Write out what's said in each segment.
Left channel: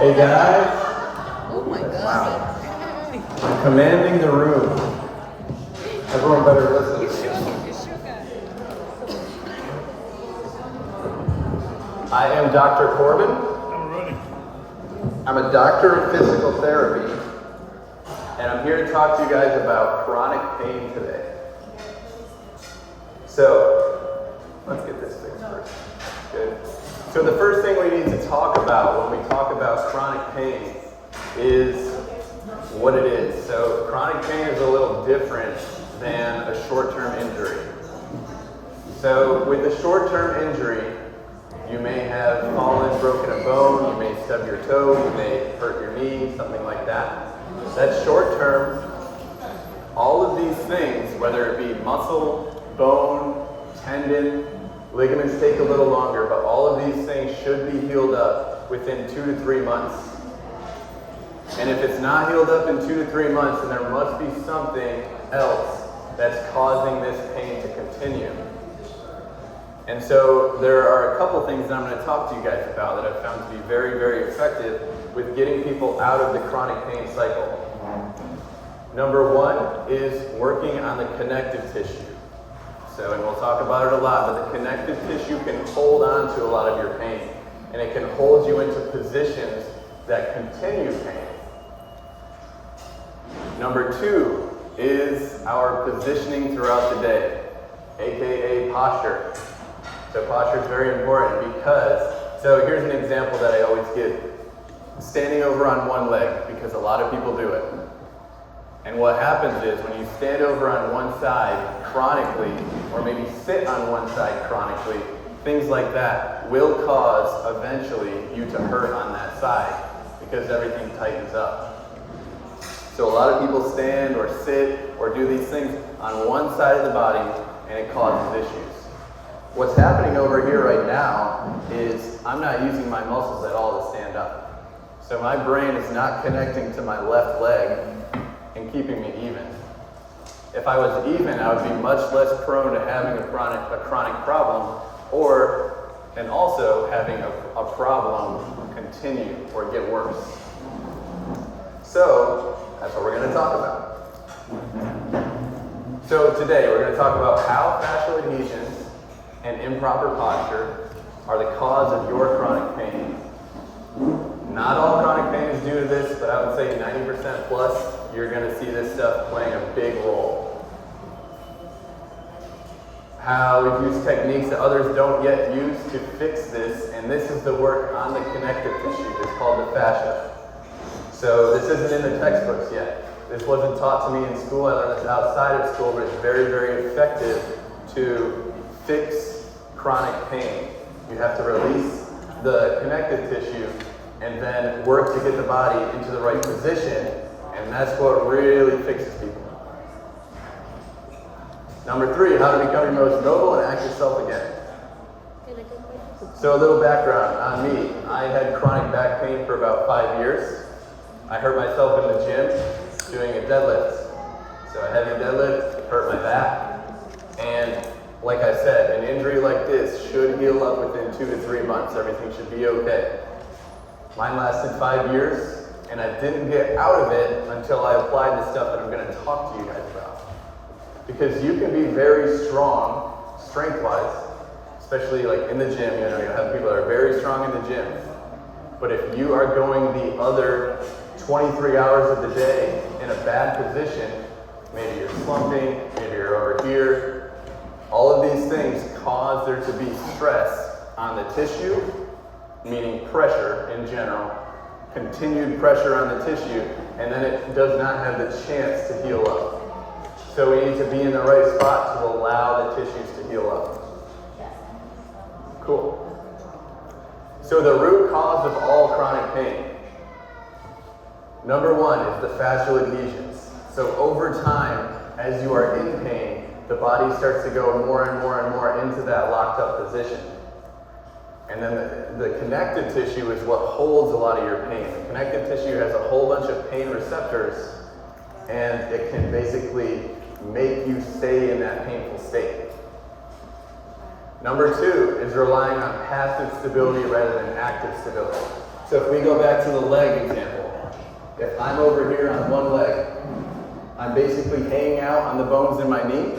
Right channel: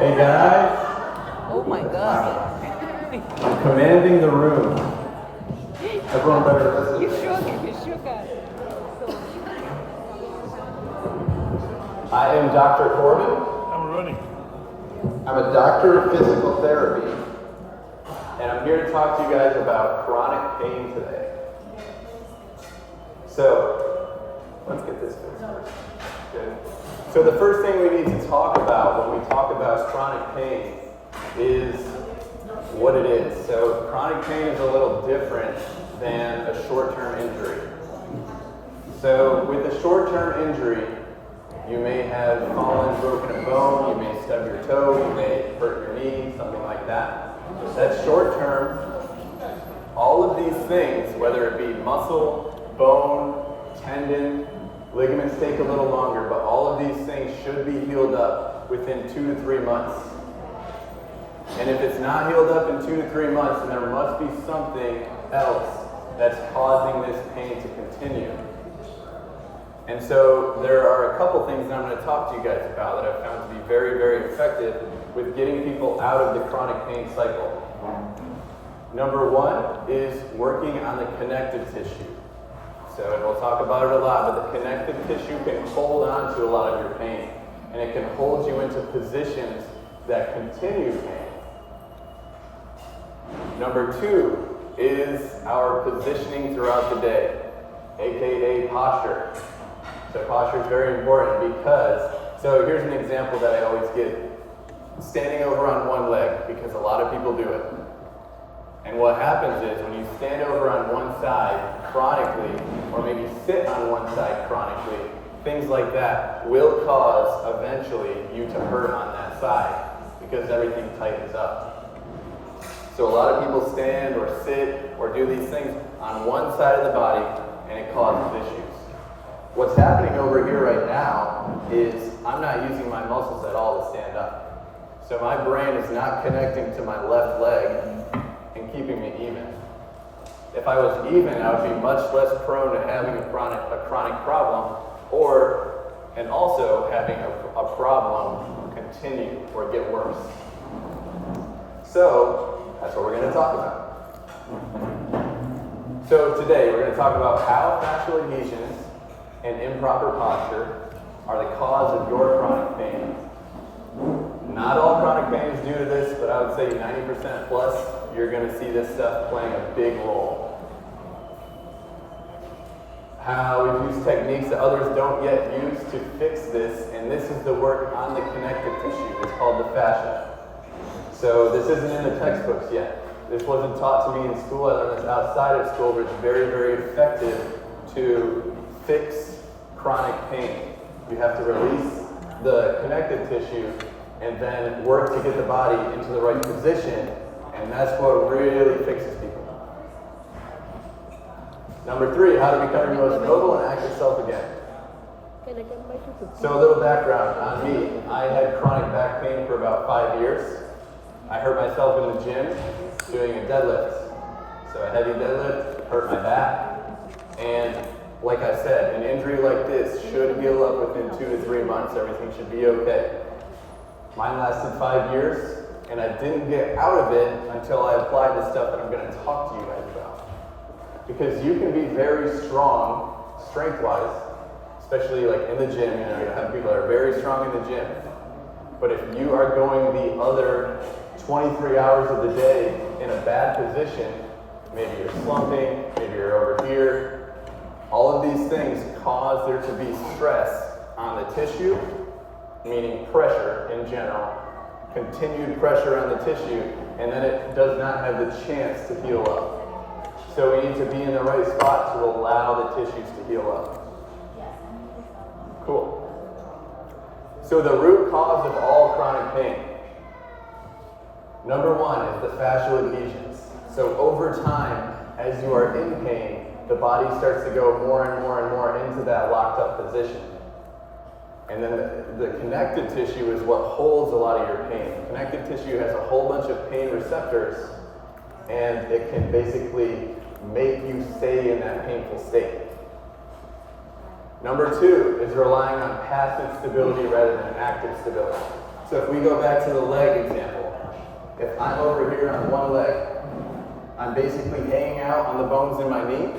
Hey guys, Oh my God. I'm commanding the room. Everyone better listen. I am Dr. Corbin. I'm running. I'm a doctor of physical therapy, and I'm here to talk to you guys about chronic pain today. So, let's get this fixed first. Good. So the first thing we need to talk about when we talk about chronic pain is what it is. So chronic pain is a little different than a short-term injury. So with a short-term injury, you may have fallen, broken a bone, you may stub your toe, you may hurt your knee, something like that. That's short-term. All of these things, whether it be muscle, bone, tendon, ligaments take a little longer, but all of these things should be healed up within 2 to 3 months. And if it's not healed up in 2 to 3 months, then there must be something else that's causing this pain to continue. And so there are a couple things that I'm going to talk to you guys about that I've found to be very, very effective with getting people out of the chronic pain cycle. Number one is working on the connective tissue. So, and we'll talk about it a lot, but the connective tissue can hold on to a lot of your pain, and it can hold you into positions that continue pain. Number two is our positioning throughout the day, aka posture. So posture is very important because, so here's an example that I always give. Standing over on one leg, because a lot of people do it. And what happens is when you stand over on one side chronically, or maybe sit on one side chronically, things like that will cause eventually you to hurt on that side because everything tightens up. So a lot of people stand or sit or do these things on one side of the body and it causes issues. What's happening over here right now is I'm not using my muscles at all to stand up. So my brain is not connecting to my left leg and keeping me even. If I was even, I would be much less prone to having a chronic problem, and also having a problem continue or get worse. So that's what we're going to talk about. So today we're going to talk about how fascial adhesions and improper posture are the cause of your chronic pain. Not all chronic pain is due to this, but I would say 90% plus, you're going to see this stuff playing a big role. How we use techniques that others don't yet use to fix this, and this is the work on the connective tissue. It's called the fascia. So this isn't in the textbooks yet. This wasn't taught to me in school. I learned this outside of school, but it's very, very effective to fix chronic pain. You have to release the connective tissue and then work to get the body into the right position, and that's what really fixes people. Number three, how to become your most noble and act yourself again. So a little background on me. I had chronic back pain for about 5 years. I hurt myself in the gym doing a deadlift. So I had a deadlift, hurt my back, and like I said, an injury like this should heal up within 2 to 3 months. Everything should be okay. Mine lasted 5 years, and I didn't get out of it until I applied the stuff that I'm going to talk to you guys about. Because you can be very strong, strength-wise, especially like in the gym. You know, you have people that are very strong in the gym. But if you are going the other 23 hours of the day in a bad position, maybe you're slumping, maybe you're over here, all of these things cause there to be stress on the tissue, meaning pressure in general, continued pressure on the tissue, and then it does not have the chance to heal up. So we need to be in the right spot to allow the tissues to heal up. Cool. So the root cause of all chronic pain, number one, is the fascial adhesions. So over time, as you are in pain, the body starts to go more and more and more into that locked up position. And then the connective tissue is what holds a lot of your pain. The connective tissue has a whole bunch of pain receptors, and it can basically make you stay in that painful state. Number two is relying on passive stability rather than active stability. So if we go back to the leg example, if I'm over here on one leg, I'm basically hanging out on the bones in my knee,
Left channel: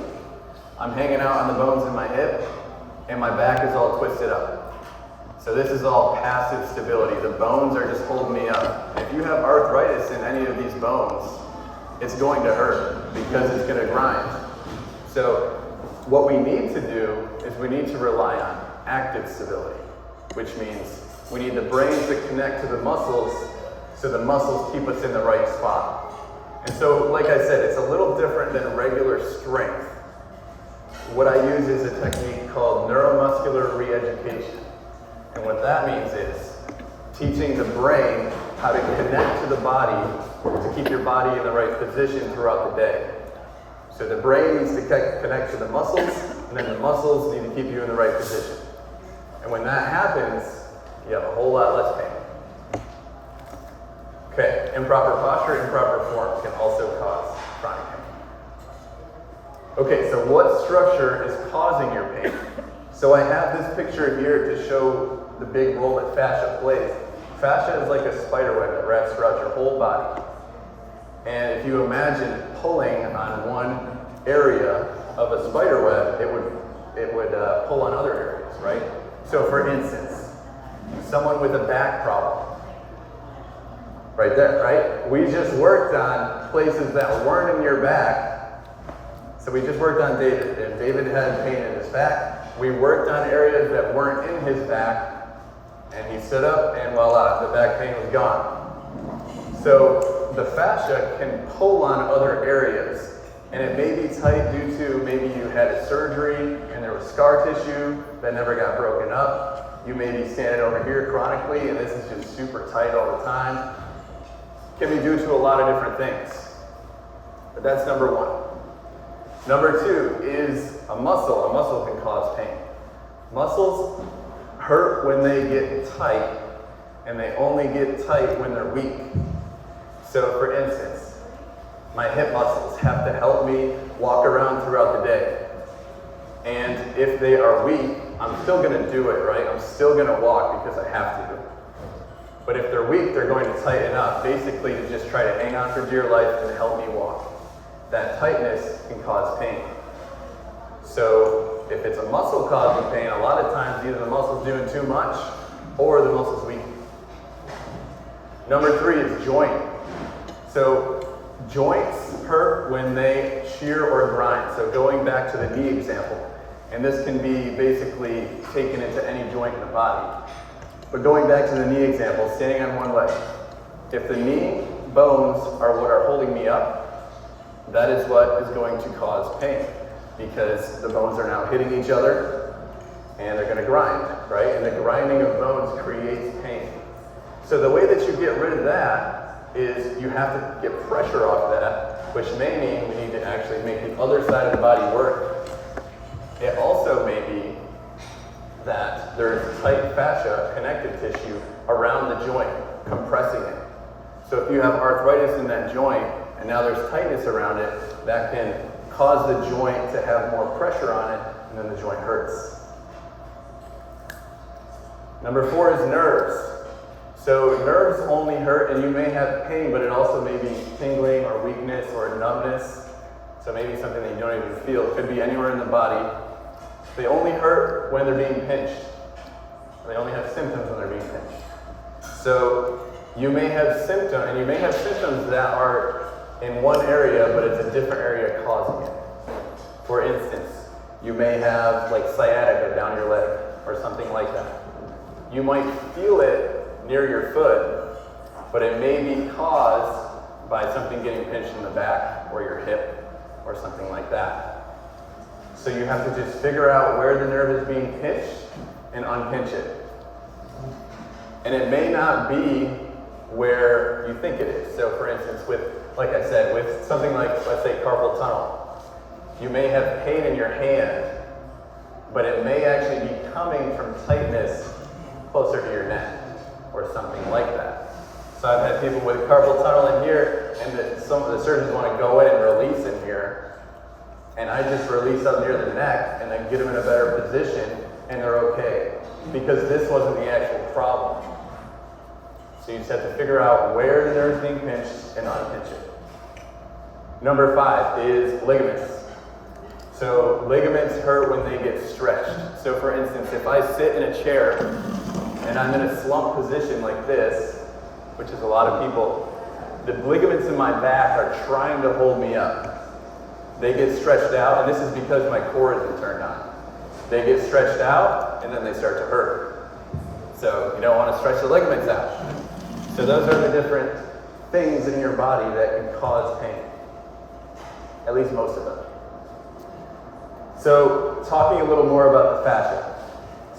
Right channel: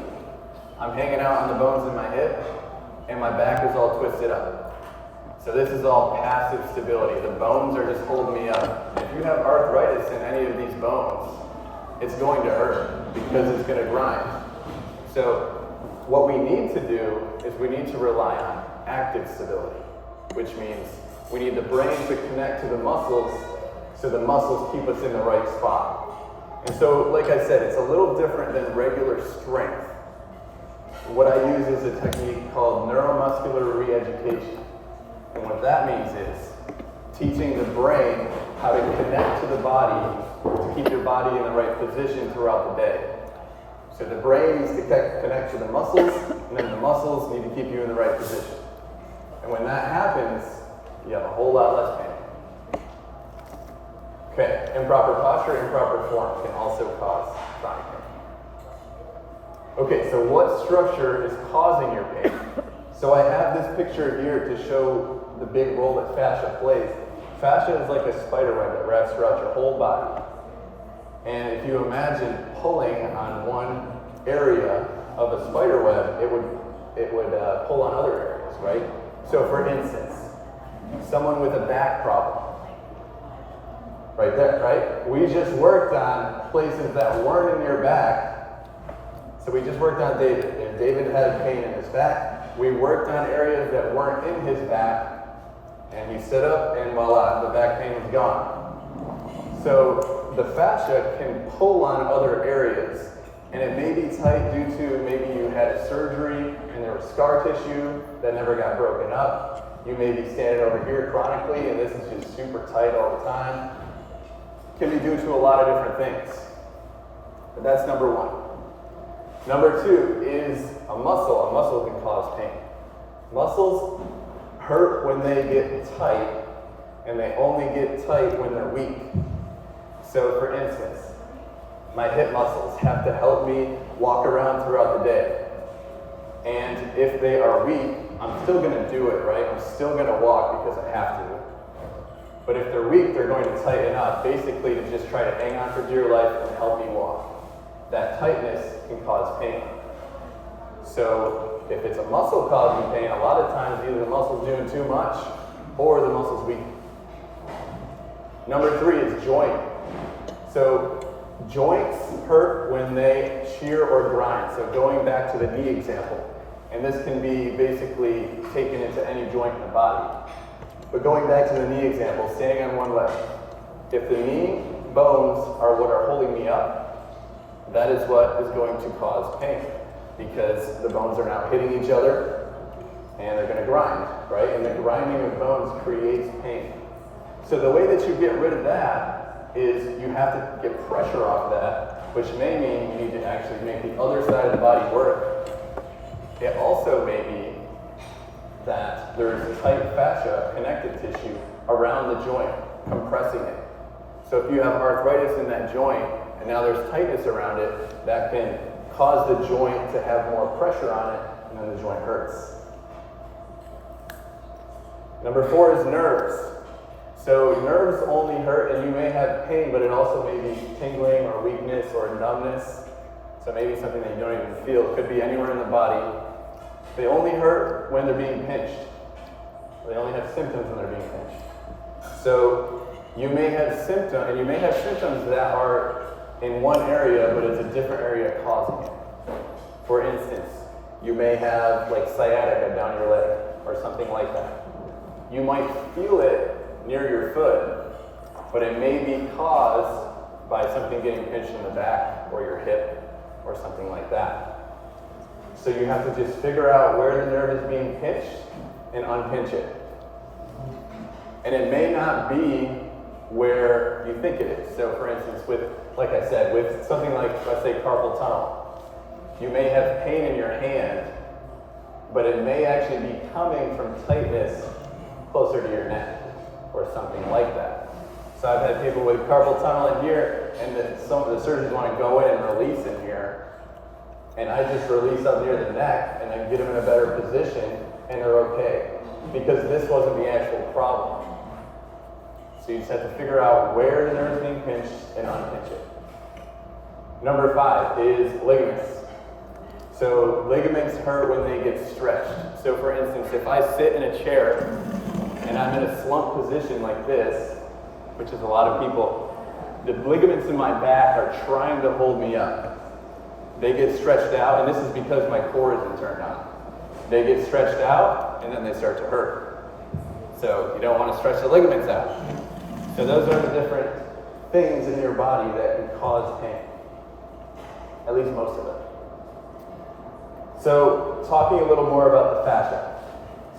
I'm hanging out on the bones in my hip, and my back is all twisted up. So this is all passive stability. The bones are just holding me up. If you have arthritis in any of these bones, it's going to hurt because it's going to grind. So what we need to do is we need to rely on active stability, which means we need the brain to connect to the muscles so the muscles keep us in the right spot. And so, like I said, it's a little different than regular strength. What I use is a technique called neuromuscular re-education. And what that means is teaching the brain how to connect to the body to keep your body in the right position throughout the day. So the brain needs to connect to the muscles, and then the muscles need to keep you in the right position. And when that happens, you have a whole lot less pain. Okay, improper posture, improper form can also cause chronic pain. Okay, so what structure is causing your pain? So I have this picture here to show the big role that fascia plays. Fascia is like a spider web that wraps throughout your whole body. And if you imagine pulling on one area of a spider web, it would pull on other areas, right? So for instance, someone with a back problem, right there, right? We just worked on places that weren't in your back. So we just worked on David. If David had pain in his back, we worked on areas that weren't in his back, and he stood up, and voila, the back pain was gone. So the fascia can pull on other areas, and it may be tight due to maybe you had a surgery and there was scar tissue that never got broken up. You may be standing over here chronically, and this is just super tight all the time. It can be due to a lot of different things. But that's number one. Number two is a muscle. A muscle can cause pain. Muscles hurt when they get tight, and they only get tight when they're weak. So for instance, my hip muscles have to help me walk around throughout the day. And if they are weak, I'm still going to do it, right? I'm still going to walk because I have to. But if they're weak, they're going to tighten up, basically to just try to hang on for dear life and help me walk. That tightness can cause pain. So if it's a muscle causing pain, a lot of times either the muscle's doing too much or the muscle's weak. Number three is joint. So joints hurt when they shear or grind. So going back to the knee example, and this can be basically taken into any joint in the body. But going back to the knee example, standing on one leg, if the knee bones are what are holding me up, that is what is going to cause pain, because the bones are now hitting each other and they're going to grind, right? And the grinding of bones creates pain. So the way that you get rid of that is you have to get pressure off that, which may mean we need to actually make the other side of the body work. It also may be that there's tight fascia, connective tissue, around the joint, compressing it. So if you have arthritis in that joint, and now there's tightness around it, that can cause the joint to have more pressure on it, and then the joint hurts. Number four is nerves. So nerves only hurt, and you may have pain, but it also may be tingling or weakness or numbness. So maybe something that you don't even feel. It could be anywhere in the body. They only hurt when they're being pinched. They only have symptoms when they're being pinched. So you may have symptoms, and you may have symptoms that are in one area, but it's a different area causing it. For instance, you may have like sciatica down your leg or something like that. You might feel it near your foot, but it may be caused by something getting pinched in the back or your hip or something like that. So you have to just figure out where the nerve is being pinched and unpinch it. And it may not be where you think it is. So for instance, like I said, with something like, let's say, carpal tunnel, you may have pain in your hand, but it may actually be coming from tightness closer to your neck or something like that. So I've had people with carpal tunnel in here, and some of the surgeons want to go in and release it here, and I just release up near the neck and then get them in a better position, and they're okay, because this wasn't the actual problem. So you just have to figure out where the nerve is being pinched and unpinch it. Number 5 is ligaments. So ligaments hurt when they get stretched. So for instance, if I sit in a chair and I'm in a slump position like this, which is a lot of people, the ligaments in my back are trying to hold me up. They get stretched out, and this is because my core isn't turned on. They get stretched out, and then they start to hurt. So you don't want to stretch the ligaments out. So those are the different things in your body that can cause pain. At least most of them. So talking a little more about the fascia.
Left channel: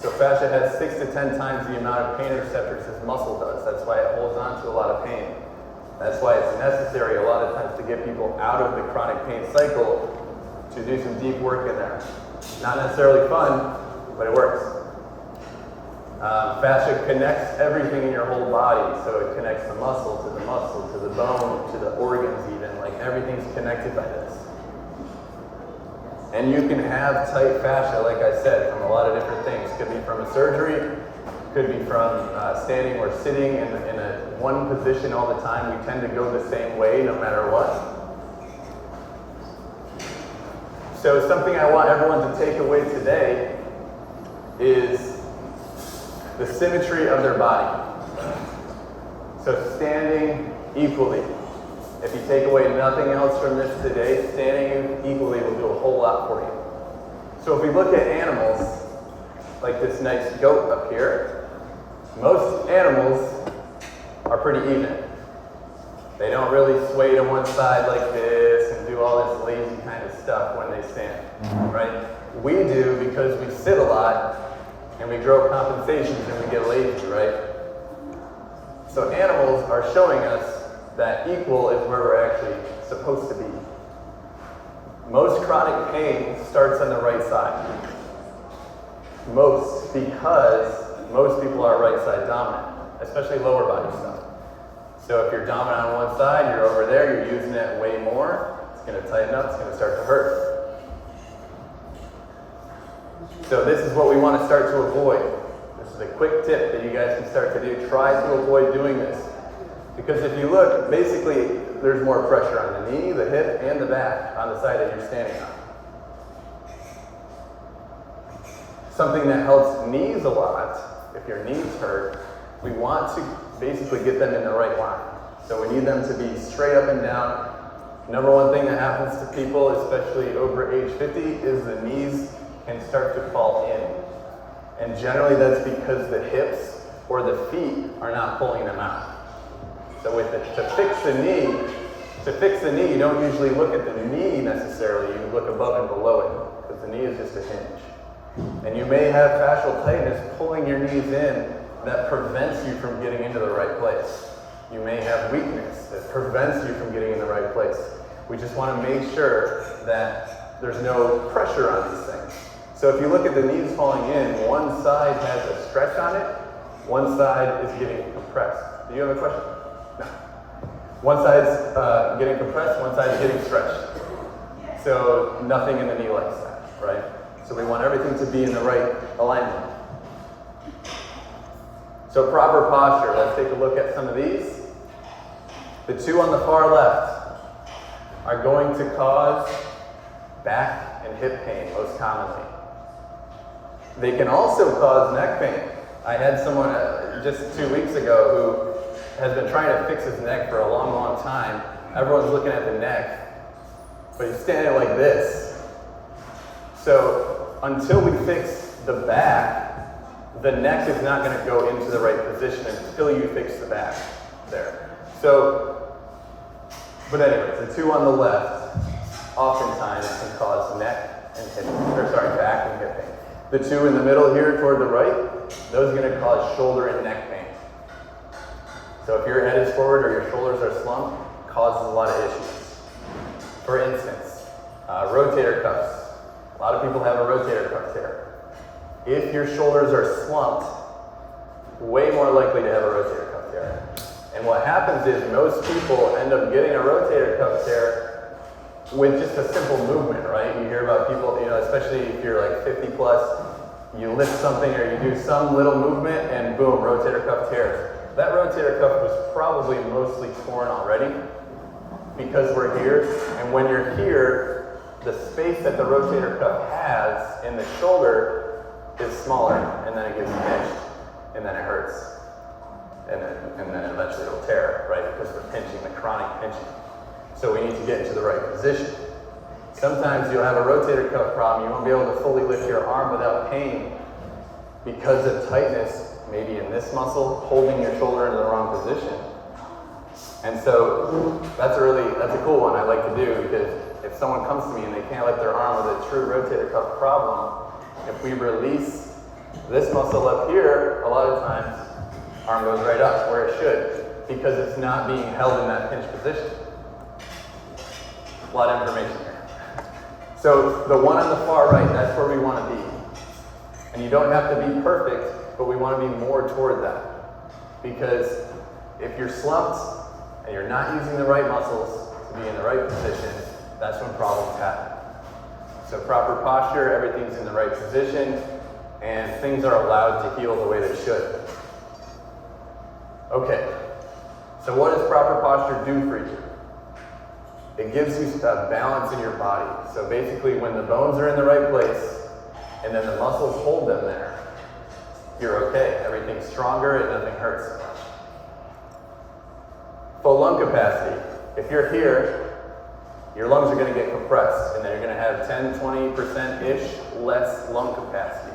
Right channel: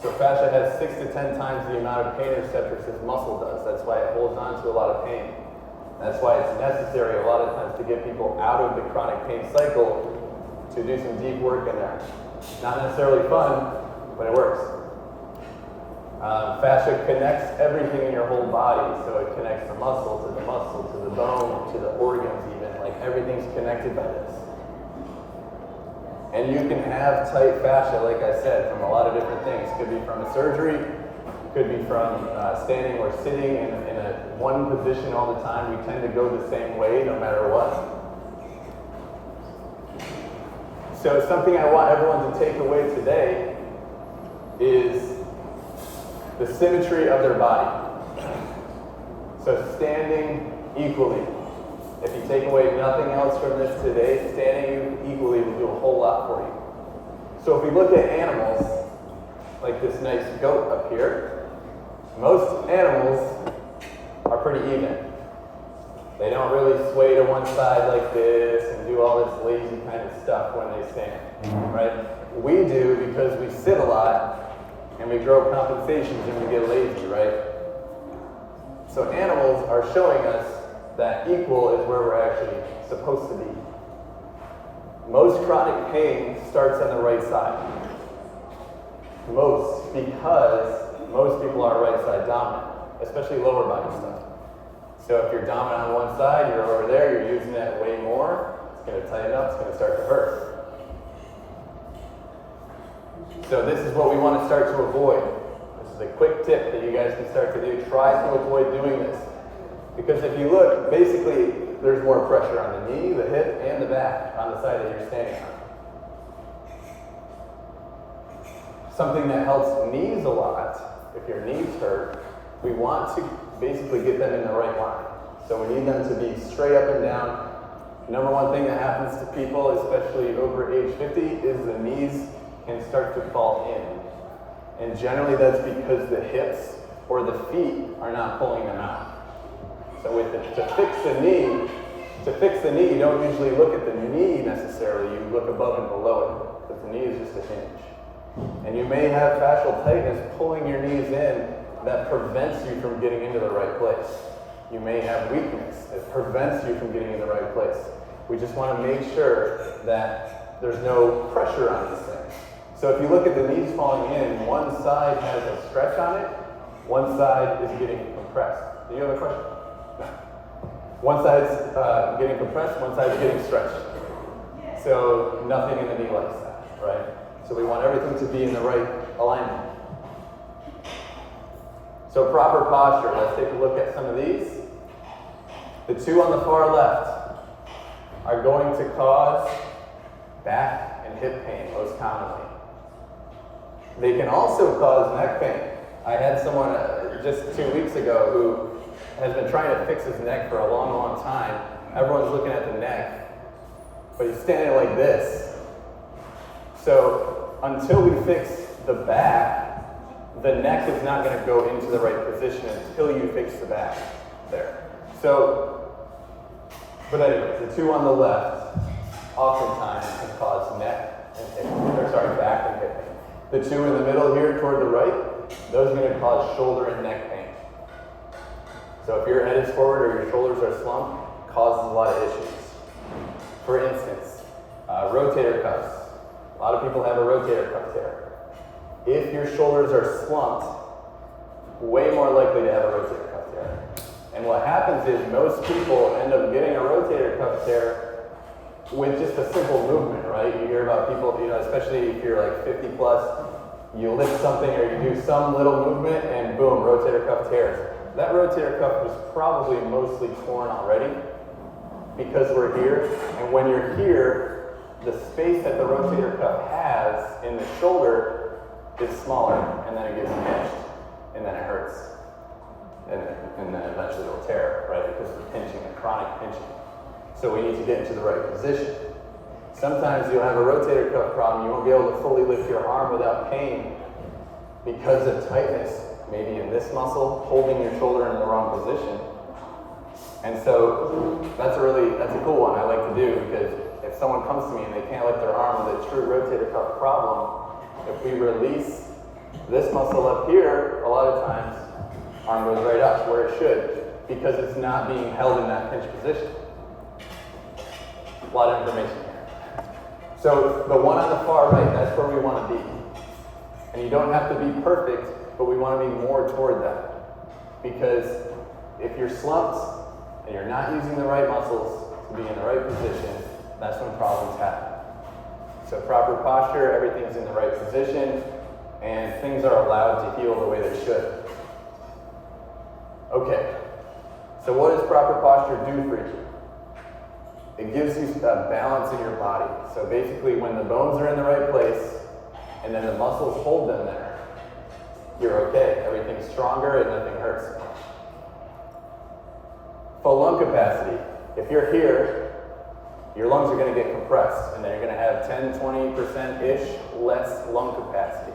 So fascia has 6 to 10 times the amount of pain receptors as muscle does. That's why it holds on to a lot of pain. That's why it's necessary a lot of times to get people out of the chronic pain cycle to do some deep work in there. Not necessarily fun, but it works. Fascia connects everything in your whole body. So it connects the muscle to the bone, to the organs even. Like everything's connected by this. And you can have tight fascia, like I said, from a lot of different things. Could be from surgery, could be from standing or sitting in a one position all the time. We tend to go the same way no matter what. So something I want everyone to take away today is the symmetry of their body. So standing equally. If you take away nothing else from this today, standing equally will do a whole lot for you. So if we look at animals, like this nice goat up here, most animals are pretty even. They don't really sway to one side like this and do all this lazy kind of stuff when they stand, right? We do because we sit a lot and we grow compensations and we get lazy, right? So animals are showing us that equal is where we're actually supposed to be. Most chronic pain starts on the right side. Most, because most people are right side dominant, especially lower body stuff. So if you're dominant on one side, you're over there, you're using it way more, it's going to tighten up, it's going to start to hurt. So this is what we want to start to avoid. This is a quick tip that you guys can start to do. Try to avoid doing this. Because if you look, basically, there's more pressure on the knee, the hip, and the back on the side that you're standing on. Something that helps knees a lot, if your knees hurt, we want to basically get them in the right line. So we need them to be straight up and down. Number one thing that happens to people, especially over age 50, is the knees can start to fall in. And generally that's because the hips or the feet are not pulling them out. So to fix the knee, you don't usually look at the knee necessarily, you look above and below it, because the knee is just a hinge. And you may have fascial tightness pulling your knees in that prevents you from getting into the right place. You may have weakness that prevents you from getting in the right place. We just want to make sure that there's no pressure on these things. So if you look at the knees falling in, one side has a stretch on it, one side is getting compressed. Do you have a question? No. One side is getting compressed, one side is getting stretched. So nothing in the knee likes that, right? So we want everything to be in the right alignment. So proper posture, let's take a look at some of these. The two on the far left are going to cause back and hip pain most commonly. They can also cause neck pain. I had someone just 2 weeks ago who has been trying to fix his neck for a long, long time. Everyone's looking at the neck, but he's standing like this. So until we fix the back, the neck is not going to go into the right position until you fix the back there. So, but anyway, the two on the left, oftentimes can cause neck and hip, back and hip pain. The two in the middle here toward the right, those are going to cause shoulder and neck pain. So if your head is forward or your shoulders are slumped, it causes a lot of issues. For instance, rotator cuffs. A lot of people have a rotator cuff tear. If your shoulders are slumped, way more likely to have a rotator cuff tear. And what happens is most people end up getting a rotator cuff tear with just a simple movement, right? You hear about people, especially if you're like 50 plus, you lift something or you do some little movement and boom, rotator cuff tears. that rotator cuff was probably mostly torn already because we're here. And when you're here, the space that the rotator cuff has in the shoulder is smaller, and then it gets pinched, and then it hurts. And then eventually it'll tear, right? Because of the pinching, the chronic pinching. So we need to get into the right position. Sometimes you'll have a rotator cuff problem. You won't be able to fully lift your arm without pain because of tightness, maybe in this muscle, holding your shoulder in the wrong position. And so that's a cool one I like to do, because if someone comes to me and they can't lift their arm with a true rotator cuff problem, if we release this muscle up here, a lot of times arm goes right up where it should, because it's not being held in that pinch position. A lot of information here. So the one on the far right, that's where we want to be. And you don't have to be perfect, but we want to be more toward that. Because if you're slumped and you're not using the right muscles to be in the right position, that's when problems happen. So proper posture, everything's in the right position, and things are allowed to heal the way they should. Okay, so what does proper posture do for you? It gives you a balance in your body. So basically, when the bones are in the right place, and then the muscles hold them there, you're okay. Everything's stronger and nothing hurts. Full lung capacity. If you're here, your lungs are going to get compressed, and then you're going to have 10-20%-ish less lung capacity.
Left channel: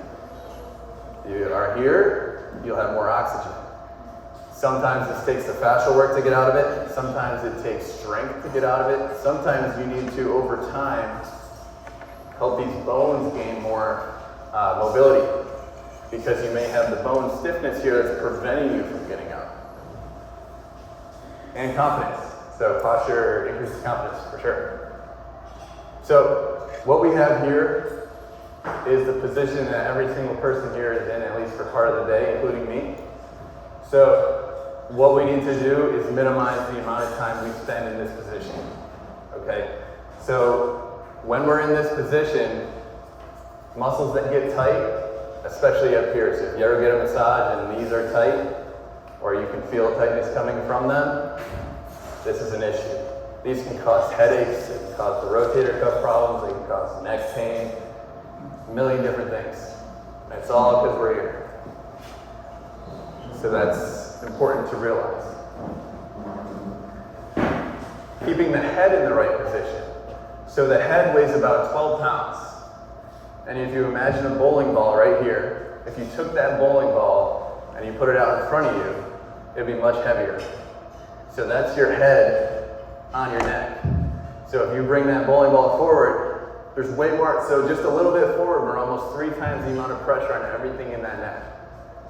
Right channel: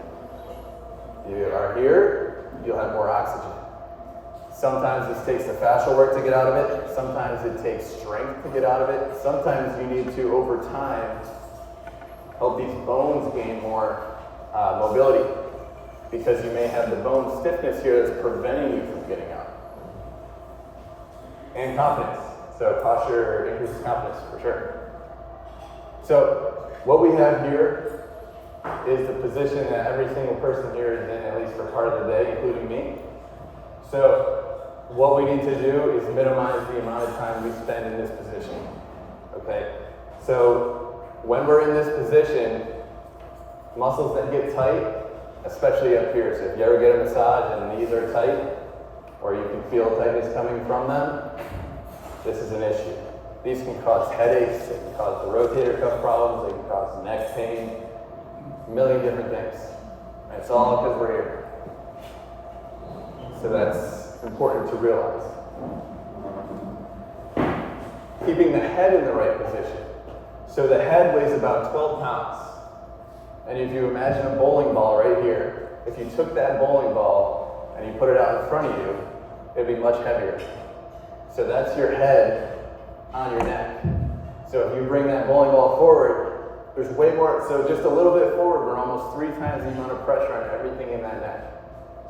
If you are here, you'll have more oxygen. Sometimes this takes the fascial work to get out of it. Sometimes it takes strength to get out of it. Sometimes you need to, over time, help these bones gain more mobility, because you may have the bone stiffness here that's preventing you from getting out. And confidence. So posture increases confidence, for sure. So what we have here is the position that every single person here is in, at least for part of the day, including me. So what we need to do is minimize the amount of time we spend in this position, okay? So when we're in this position, muscles that get tight, especially up here, so if you ever get a massage and these are tight, or you can feel tightness coming from them, this is an issue. These can cause headaches, they can cause rotator cuff problems, they can cause neck pain, a million different things. And it's all because we're here. So that's important to realize. Keeping the head in the right position. So the head weighs about 12 pounds. And if you imagine a bowling ball right here, if you took that bowling ball and you put it out in front of you, it'd be much heavier. So that's your head on your neck. So if you bring that bowling ball forward, there's way more, so just a little bit forward, we're almost 3 times the amount of pressure on everything in that neck.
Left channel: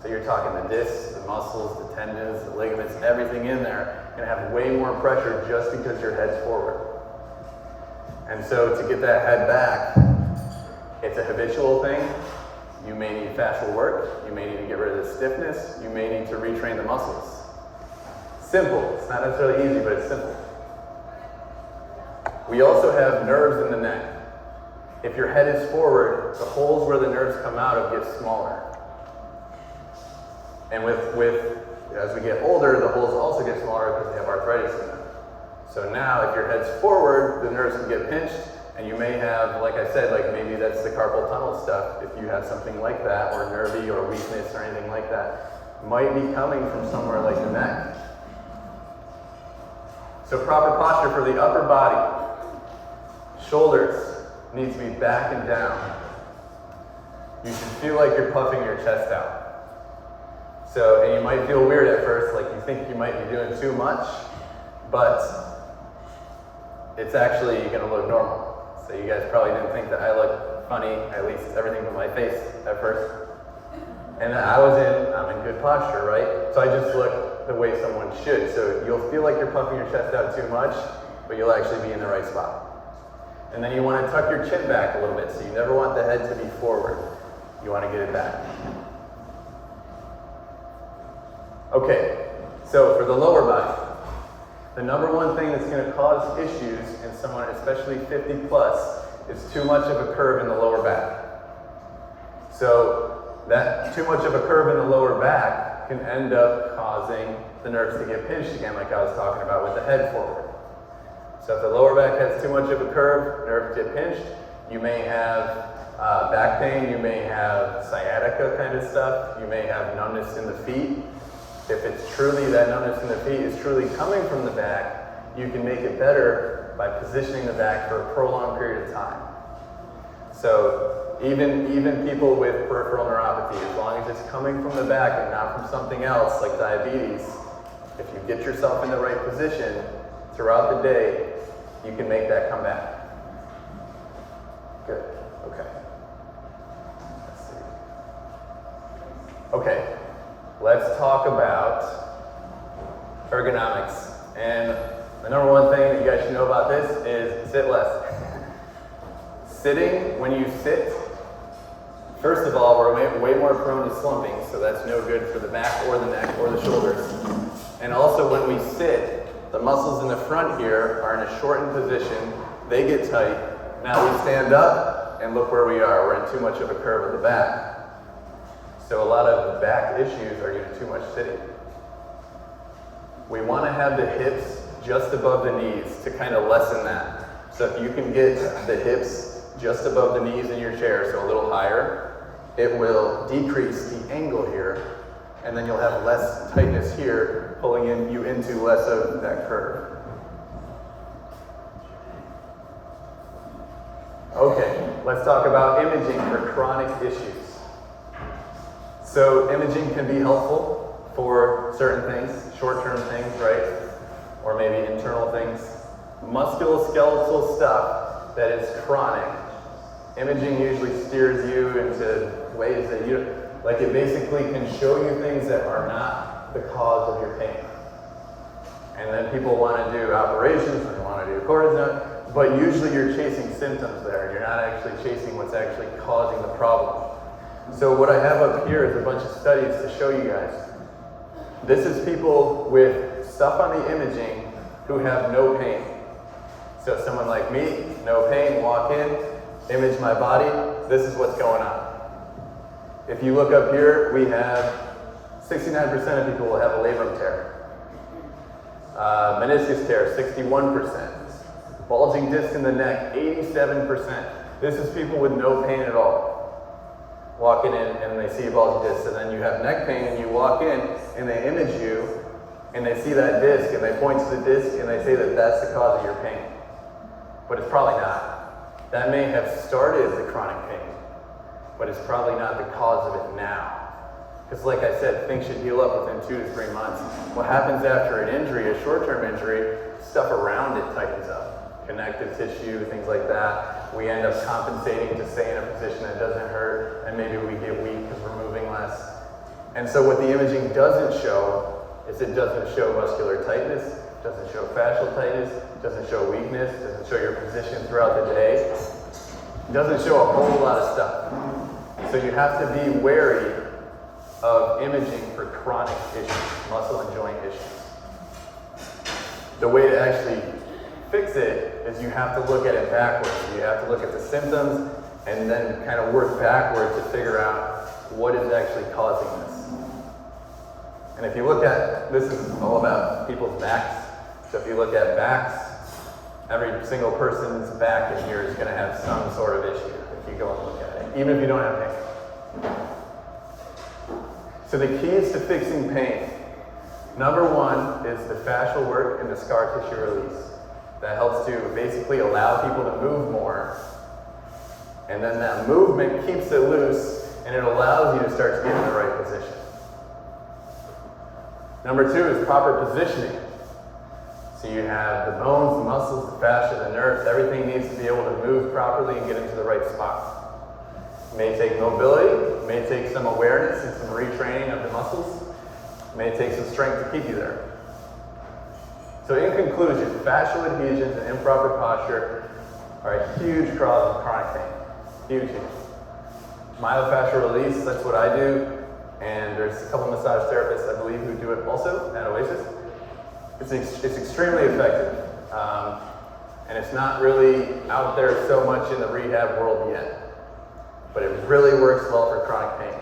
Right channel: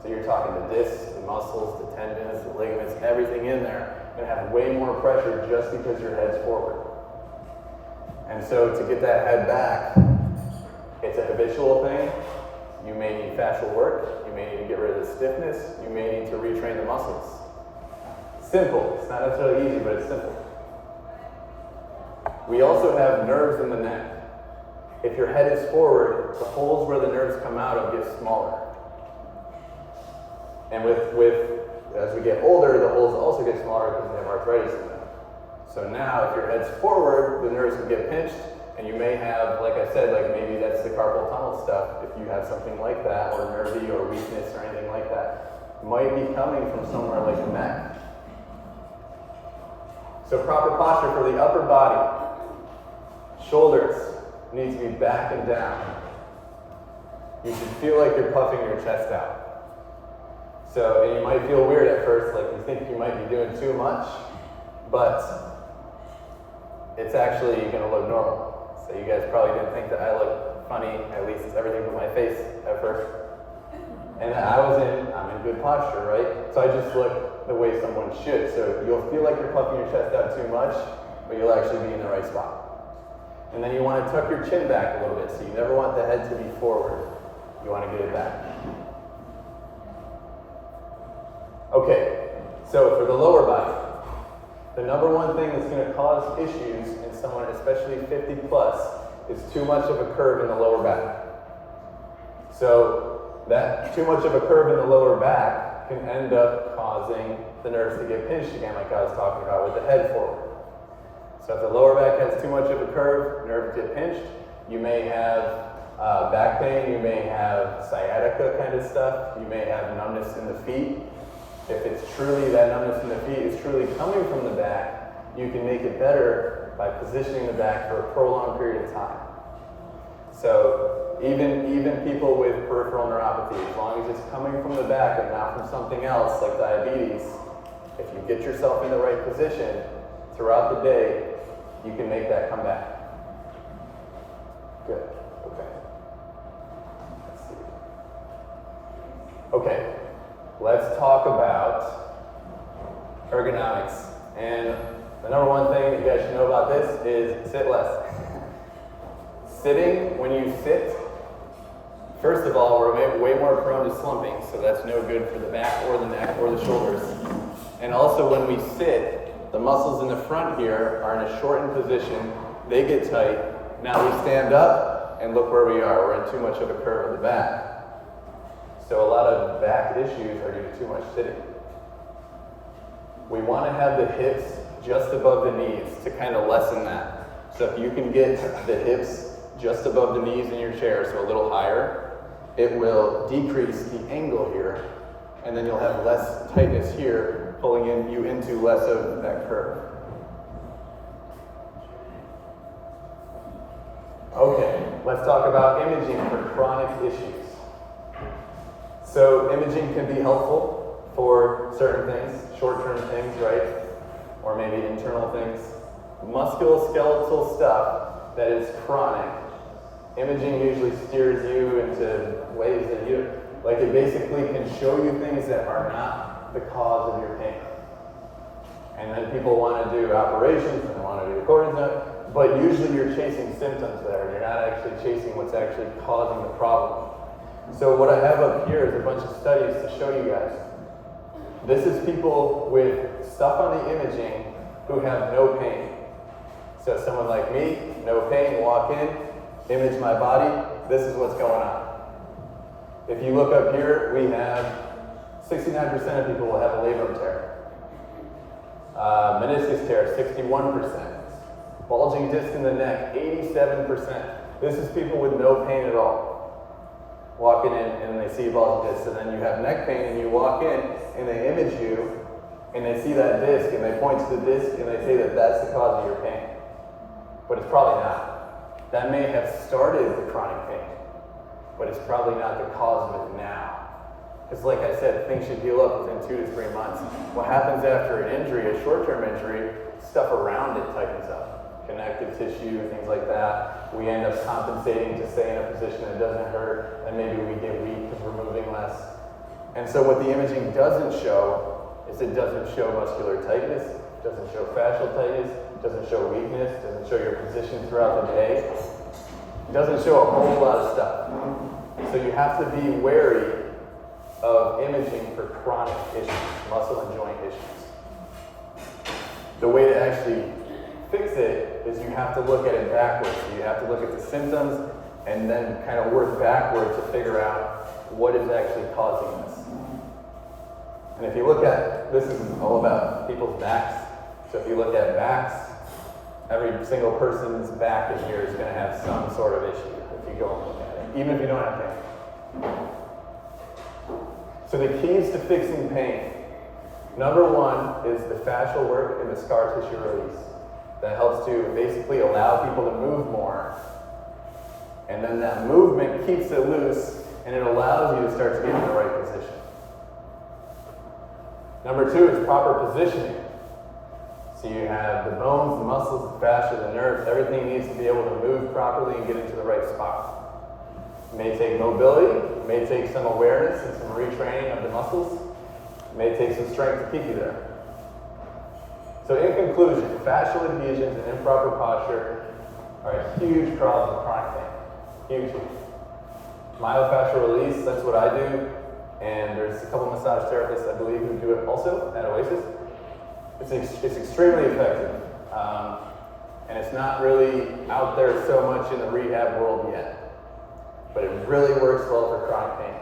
So you're talking the discs, the muscles, the tendons, the ligaments, everything in there. You're gonna have way more pressure just because your head's forward. And so to get that head back, it's a habitual thing. You may need fascial work. You may need to get rid of the stiffness. You may need to retrain the muscles. Simple. It's not necessarily easy, but it's simple. We also have nerves in the neck. If your head is forward, the holes where the nerves come out of get smaller. And as we get older, the holes also get smaller because they have arthritis in them. So now, if your head's forward, the nerves will get pinched, and you may have, like I said, like maybe that's the carpal tunnel stuff. If you have something like that, or nervy, or weakness, or anything like that, might be coming from somewhere like the neck. So proper posture for the upper body. Shoulders need to be back and down. You should feel like you're puffing your chest out. So, and you might feel weird at first, like you think you might be doing too much, but it's actually going to look normal. So you guys probably didn't think that I looked funny, at least everything from my face at first. And I'm in good posture, right? So I just look the way someone should. So you'll feel like you're puffing your chest out too much, but you'll actually be in the right spot. And then you want to tuck your chin back a little bit, so you never want the head to be forward. You want to get it back. Okay, so for the lower body, the number one thing that's going to cause issues in someone, especially 50 plus, is too much of a curve in the lower back. So that too much of a curve in the lower back can end up causing the nerves to get pinched again, like I was talking about with the head forward. So if the lower back has too much of a curve, nerves get pinched. You may have back pain, you may have sciatica kind of stuff, you may have numbness in the feet. If it's truly that numbness in the feet is truly coming from the back, you can make it better by positioning the back for a prolonged period of time. So even people with peripheral neuropathy, as long as it's coming from the back and not from something else like diabetes, if you get yourself in the right position throughout the day, you can make that come back. Good. Okay, let's talk about ergonomics. And the number one thing that you guys should know about this is sit less. Sitting, when you sit, first of all, we're way more prone to slumping, so that's no good for the back or the neck or the shoulders. And also when we sit, the muscles in the front here are in a shortened position, they get tight. Now we stand up, and look where we are, we're in too much of a curve at the back. So a lot of back issues are due to too much sitting. We want to have the hips just above the knees to kind of lessen that. So if you can get the hips just above the knees in your chair, so a little higher, it will decrease the angle here, and then you'll have less tightness here, pulling you into less of that curve. Okay, let's talk about imaging for chronic issues. So imaging can be helpful for certain things, short-term things, right? Or maybe internal things. Musculoskeletal stuff that is chronic, imaging usually steers you into ways that you, like it basically can show you things that are not the cause of your pain. And then people want to do operations and want to do cortisone, but usually you're chasing symptoms there, and you're not actually chasing what's actually causing the problem. So what I have up here is a bunch of studies to show you guys. This is people with stuff on the imaging who have no pain. So someone like me, no pain, walk in, image my body, this is what's going on. If you look up here, we have 69% of people will have a labrum tear. Meniscus tear, 61%. Bulging disc in the neck, 87%. This is people with no pain at all. Walking in and they see a bulging disc, and then you have neck pain, and you walk in and they image you, and they see that disc, and they point to the disc, and they say that that's the cause of your pain. But it's probably not. That may have started the chronic pain, but it's probably not the cause of it now. Because like I said, things should heal up within 2 to 3 months. What happens after an injury, a short-term injury, stuff around it tightens up. Connective tissue, things like that. We end up compensating to stay in a position that doesn't hurt, and maybe we get weak because we're moving less. And so what the imaging doesn't show is it doesn't show muscular tightness, doesn't show fascial tightness, doesn't show weakness, doesn't show your position throughout the day. It doesn't show a whole lot of stuff. So you have to be wary of imaging for chronic issues, muscle and joint issues. The way to actually fix it is you have to look at it backwards. You have to look at the symptoms and then kind of work backwards to figure out what is actually causing this. And if you look at, this is all about people's backs. So if you look at backs, every single person's back in here is going to have some sort of issue if you go and look at it, even if you don't have pain. So the keys to fixing pain. Number one is the fascial work and the scar tissue release. That helps to basically allow people to move more. And then that movement keeps it loose, and it allows you to start to get in the right position. Number two is proper positioning. So you have the bones, the muscles, the fascia, the nerves, everything needs to be able to move properly and get into the right spot. It may take mobility, it may take some awareness and some retraining of the muscles. It may take some strength to keep you there. So in conclusion, fascial adhesions and improper posture are a huge cause of chronic pain. Huge. Myofascial release, that's what I do. And there's a couple massage therapists, I believe, who do it also at Oasis. It's extremely effective. And it's not really out there so much in the rehab world yet. But it really works well for chronic pain.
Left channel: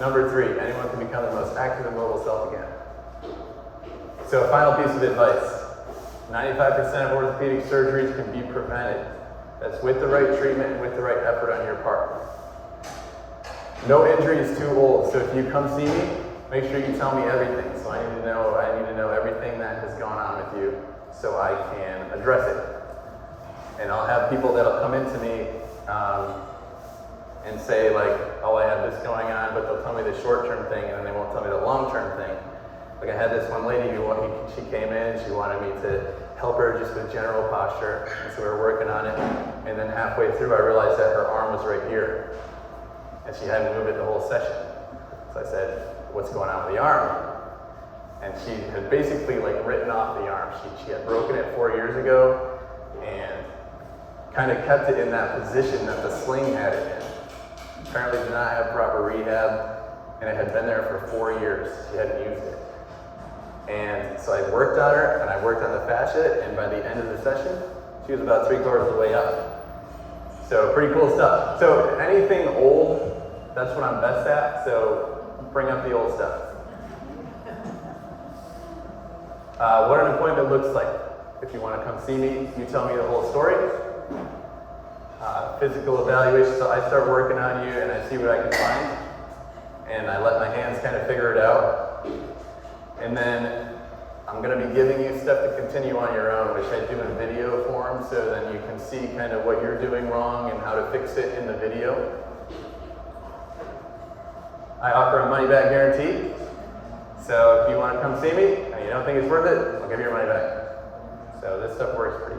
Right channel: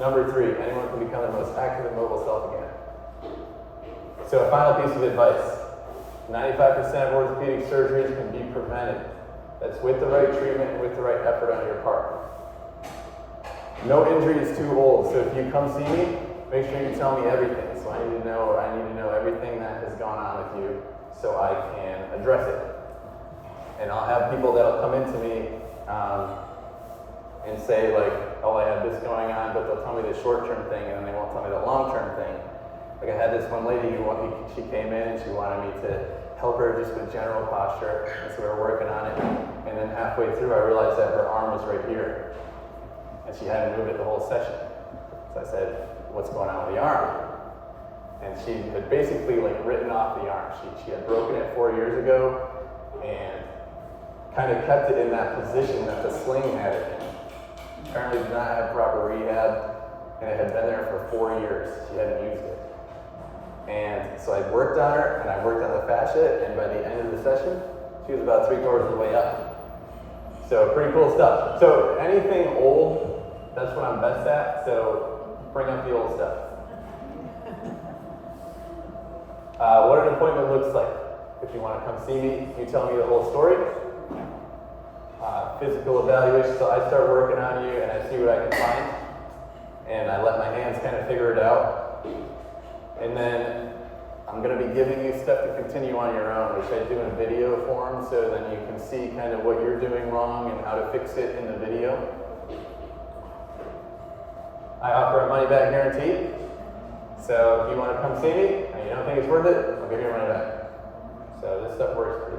Number three, anyone can become the most So a final piece of advice. 95% of orthopedic surgeries can be prevented. That's with the right treatment, with the right effort on your part. No injury is too old, so if you come see me, make sure you tell me everything. So I need to know everything that has gone on with you so I can address it. And I'll have people that'll come into me and say like, oh, I have this going on, but they'll tell me the short-term thing and then they won't tell me the long-term thing. Like I had this one lady who, she came in and she wanted me to help her just with general posture, and so we were working on it. And then halfway through, I realized that her arm was right here, and she hadn't moved it the whole session. So I said, "What's going on with the arm?" And she had basically like written off the arm. She had broken it 4 years ago, and kind of kept it in that position that the sling had it in. Apparently, did not have proper rehab, and it had been there for 4 years. She hadn't used it. And so I worked on her, and I worked on the fascia, and by the end of the session, she was about 3/4 of the way up. So pretty cool stuff. So anything old, that's what I'm best at, so bring up the old stuff. What an appointment looks like. If you want to come see me, you tell me the whole story. Physical evaluation, so I start working on you, and I see what I can find, and I let my hands kind of figure it out. And then I'm going to be giving you stuff to continue on your own, which I do in video form so that you can see kind of what you're doing wrong and how to fix it in the video. I offer a money back guarantee. So if you want to come see me and you don't think it's worth it, I'll give you your money back. So this stuff works pretty